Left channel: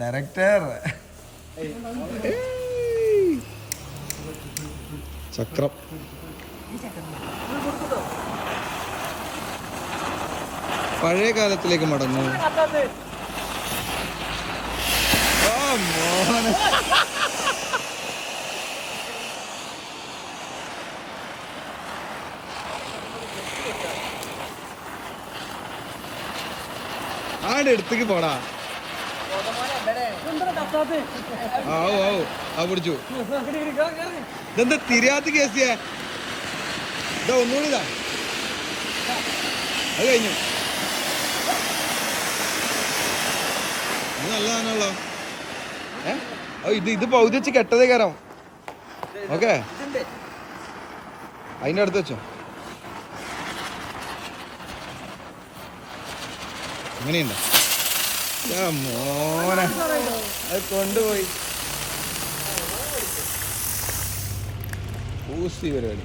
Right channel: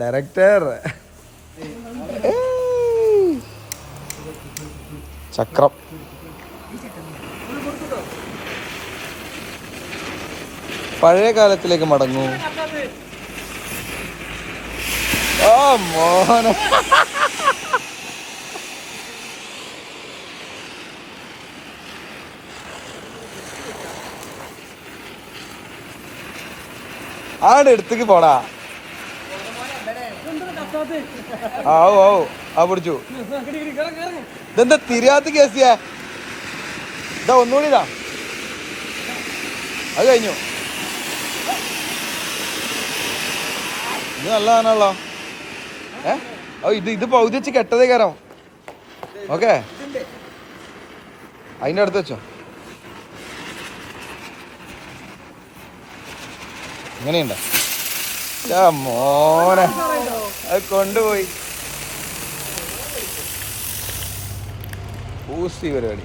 Director ചക്രം. പഴയ കാലത്തിലേക്ക് മടങ്ങൂ. ആ മോഹന ആടെ എടുത്തേക്ക് പോടാ. ആ പിടിച്ചു. ഇതെന്താ തിരിയാത്ത കേസിയാ? ഇതാ ഒന്നുകൂടി ഇതാ. അത് കഴിഞ്ഞു. ഇത് നല്ലതാണല്ലോ. ഇത് പൗതി വെച്ച് കെട്ടതേ കയറാം. ഓക്കെ, അതിന്റെ അടുത്ത് വെച്ചോ. ഇങ്ങനെയുണ്ട്. മോനെ അത് കൊണ്ടുപോയി ഊസി പരിപാടി.